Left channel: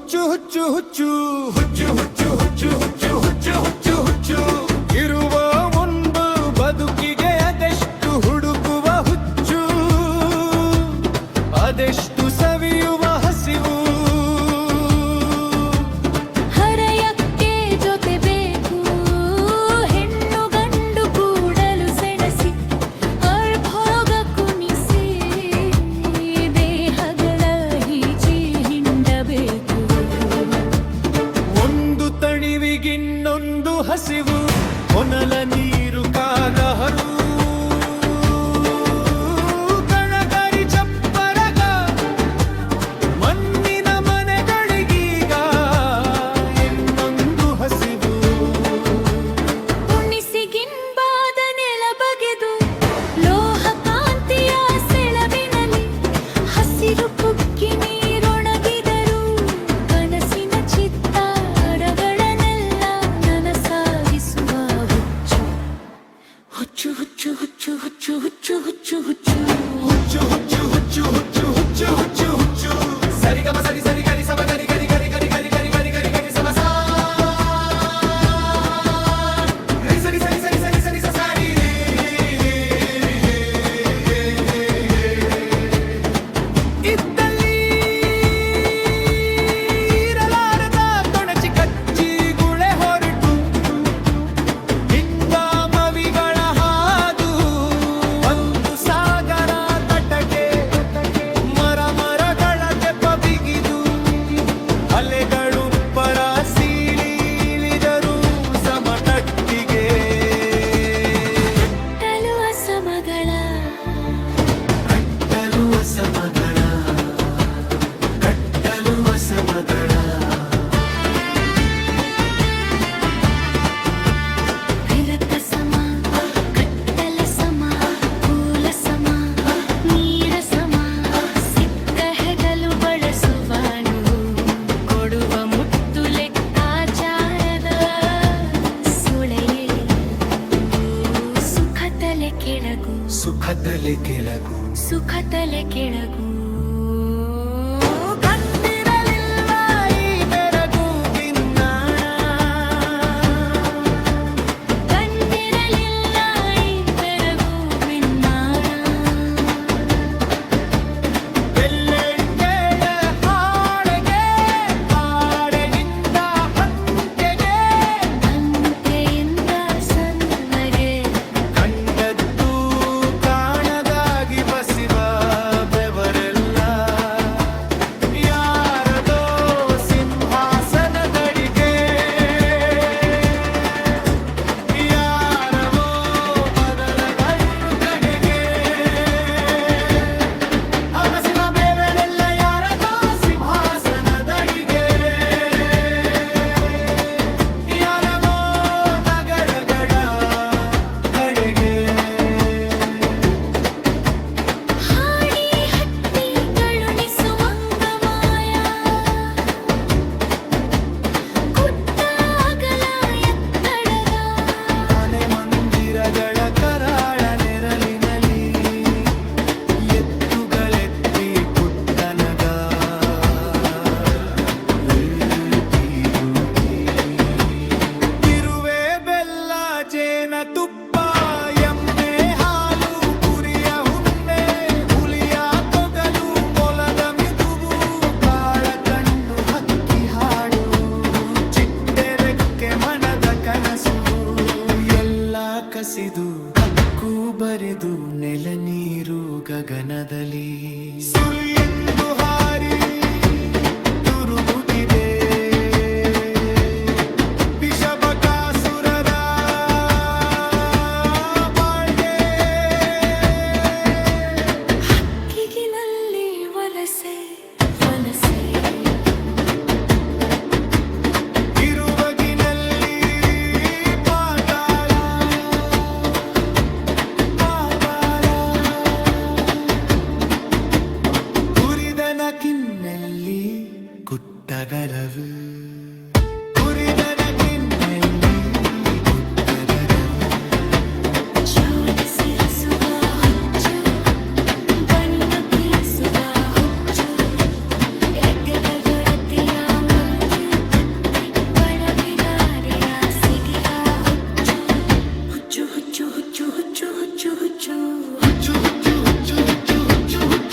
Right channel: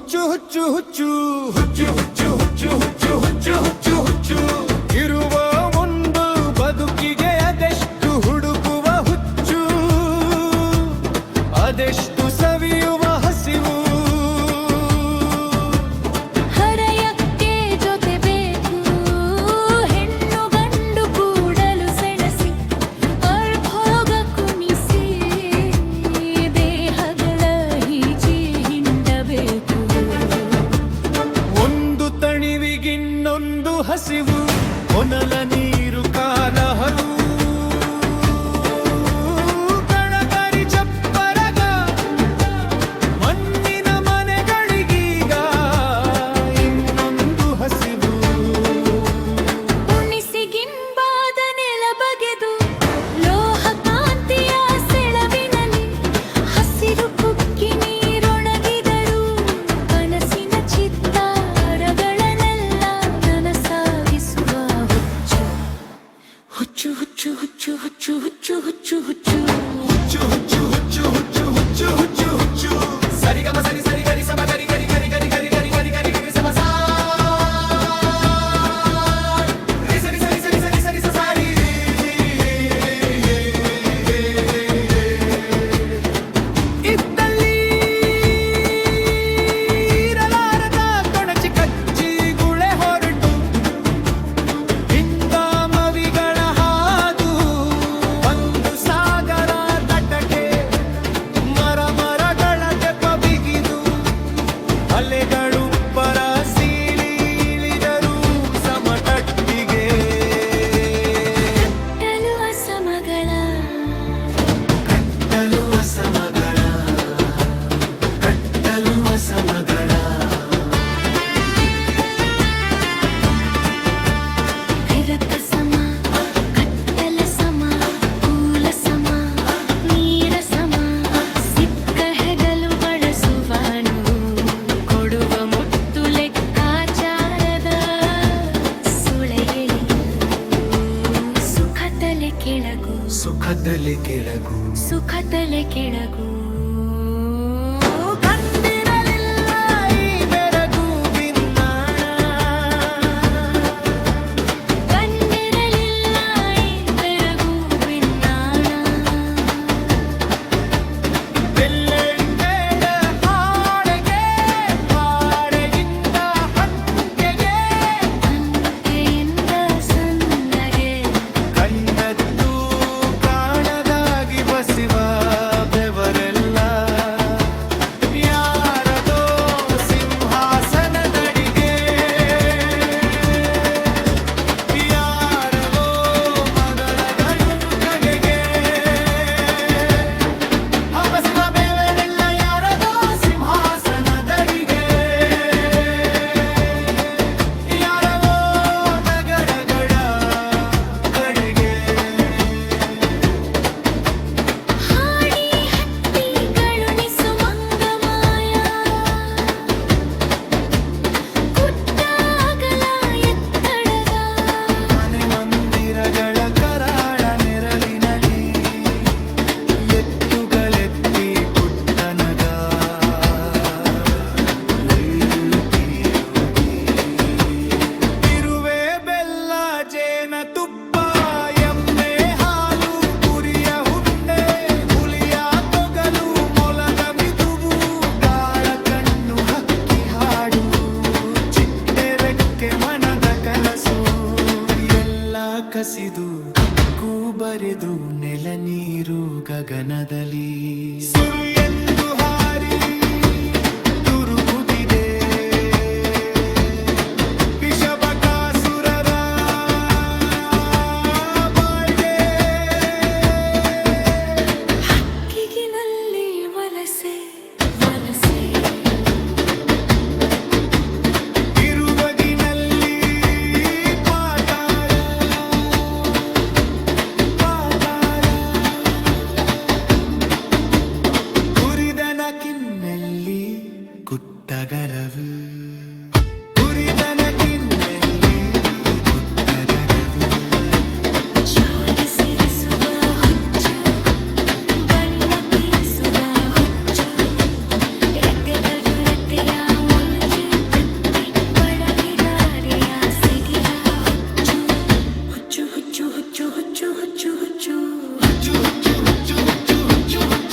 ಹುಚ್ಚು ಹುಚ್ಚು ಹುಚ್ಚು ಹುಚ್ಚು ಹುಚ್ಚು ಹುಚ್ಚು ಹುಚ್ಚು ಹುಚ್ಚು ಹುಚ್ಚು ಹುಚ್ಚು ಇರುವ ಒಂದು ಬದುಕಿಗೆ ಅದೆಷ್ಟು ಹುಡುಕುವ ಹುಚ್ಚು, ಅದೆಷ್ಟು ಸವಿಯುವ ಹಸಿವು. ಹರೆಯಕ್ಕೆ ಜೊತೆ ಬೇಕು, ಹೆಣ್ಣು ಗಂಡು ಕೂಡಲು ಸೆಣಸಿ ಅರ್ಭೋಗ ಕುಣಿಸಿ ದೇಹಗಳ ಹೀಚಿ ಹಿಂಡಬೇಕು. ಒಂದು ತಣಿವಿಗಿನ್ನೊಂದು ಹಸಿವು, ಹೊನಲ ನೀರು ಕಾಲಹರು ಕಣಕರಿ ಚಪ್ಪರಗ ಮಣ್ಣಿನ ಮನೆಗಳಿಗೀಗ ಇನ್ನೊಂದು ಹಸಿವು. ಉಣಿಸಿಗಿಂಬಾದ ನೆಲ ಬಗೆದು ಲೋಹ ಕಾಂತಿಯ ಸೆಳವಿನಲ್ಲಿ ಹಸಿರು ಕುಕ್ಕಿ ನೀರೊಣಗಿದರು ಕನಸಿನ ಚಿತ್ತಾರಗಳನ್ನೆಲ್ಲ ನನಸಾಗಿಸುವ ಹುಚ್ಚು ಹುಚ್ಚು ಹುಚ್ಚು ಹುಚ್ಚು ಹುಚ್ಚು ಹುಚ್ಚು ಹುಚ್ಚು ಹುಚ್ಚು ಹುಚ್ಚು ಹುಚ್ಚು ಹುಚ್ಚು ಹುಚ್ಚು ಹುಚ್ಚು ಹುಚ್ಚು ಹುಚ್ಚು ಸರಿಗಮ ಸರಿ ಸರಿ ಗರಿ ಸಮ ಗರಿ ಗರಿ ಗರಿ ಗರಿ ಗರಿ ಗರಿ ಗರಿ ಗರಿ ಗರಿ ಸಮ ಸಾ ಸರಿ ಸರಿ ಸರಿ ಸರಿ ಸರಿ ಸರಿ ಇದ್ದಲ್ಲಿ ಇರಲಾರದ ತೊಣಚಿ ಕಚ್ಚಿ ಗುಳೆ ಹೊರಟು ಹಿಂಗಾಮವಿಗಳ ಹಾದು ಒಂದು ಸಾಗರ ತಟಕೆ ಮರ ಮರಗಳ ತೆಪ್ಪ ಬಿಗಿದು ಅಲೆಗಳು ಪರ ಸೀಳಿ ಇಳಿದರು ಸಮತಟ್ಟಿಗೆ. ಕಟ್ಟಲು ಅಸಮಗಳ ಕಟ್ಟಲು ಅಸಮಗಳ ಕಟ್ಟಲು ಅಸಮಗಳ ವಿರತ ಸಮ ಕಟ್ಟಲ ಸಮ ಕೂಲ ಸಮ ನೀರ ಸಮ ಸಿಕ್ಕ ಹೆಗಲು ಬಳಸುವನು ಕೊಡುವ ಮುತ್ತು ಲೆಕ್ಕಾಚಾರದ ಸುಳೆಯಲಿ ಸುಖ ತಲೆ ಕೆಳಗು ಸುಖದಲ್ಲಿ ಕೆಳಗು ಸುಖ ತಲೆ ಕೆಳಗು. ಕಂಡಿರಲಿಲ್ಲ ಈ ಬೆರಗು ಬಿನ್ನಾಣ, ಕಂಡಿರಲಿಲ್ಲ ಈ ಬೆರಗು ಬಿನ್ನಾಣ. ಬೆಳ್ಳೆಂಗಳ ಹಾಡೆಗೆ ಹಾಡೆಯಿಂದ ಹಂಕೆಗೆ ಅಂಕೆಯಿಂದ ಸಣ್ಣಗೆ ಕಂಡದ್ದು ಕಾಣದಾಗಿ ಬಸಿವ ಬೆವರೆಲ್ಲ ಯಾರದೋ ಸಿಂಹಾಸನದಡಿಗೆ ಯಾರವೋ ಮದಳಗಳು ಕಡೆಗೆ ಹಬಸಿದ ಬೆವರೆಲ್ಲ ಯಾರದೋ ಸಿಂಹಾಸನದಡಿಗೆ ಯಾರವೋ ನಗರಗಳ ಕಡೆಗೆ. ಹಾಡಿ ಹತ್ತಿ ಕರುಣಿಸು ಮಂಗಮಾಯ ಕುತ್ತಾಗಲ ಎತ್ತಡದ ಮನೆ ಮಂದಿರಗಳ ಕರಾಳ ನೆರಳಿನಲ್ಲಿ ಎತ್ತುಗಳೆತ್ತಿ ಕುಟ್ಟನಗ ತಿರುವೆ ಬೆಲ್ಲ ಜೇನ ತುಪ್ಪ ಎಮ್ಮೆ ಹಾಲು ಕುರಿಯ ಹುಂಡೆ ಹುಲಿಯ ತೊಗಲು ಮೊಲದ ಮಿದುವು ಕಾಳ ಕಣ್ಣು ಹಕ್ಕಿ ಹಾಡು ಚಿಟ್ಟೆ ರೆಕ್ಕೆ ಮನದ ಕನಸು ಎಲ್ಲ ಕಸಿದು ಹಕ್ಕು ಬರೆದು ನೆಲ ನೀರು ಗಗನದಲ್ಲಿ ಸುರು ಎಂದು ಹಾರಿ ತುರುಗುತ್ತಿದೆ ವಿಷಬಕಾಸುರರ ಬಾಳ್ಗೆ. ಕಿಗಿನಲ್ಲಿ ವಲಸೆ ವಲಸೆ ಇರುವಗಿನಲ್ಲಿ ಪಾತಾಳ ಪಾತಾಳ ಹುರಿದನ ಕಿನ್ನೆಲ್ಲಿ ಕುಟ್ಟಗರವು ಹುರಿದನ ಕಿನ್ನೆಲ್ಲಿ ಕುಟ್ಟಗರವು. ಶೋಧಿಸಿರಿಸುವ ಹುಚ್ಚು ಬಣ್ಣ ಪೀಸುವ ಹುಚ್ಚು ಎದ್ದೆಗಳ ಕೊರತೆಯ ಹುಚ್ಚು ಹುಚ್ಚು ಹುಚ್ಚು ಹುಚ್ಚು ಹುಚ್ಚು ಹುಚ್ಚು ಹುಚ್ಚು ಹುಚ್ಚು ಹುಚ್ಚು ಹುಚ್ಚು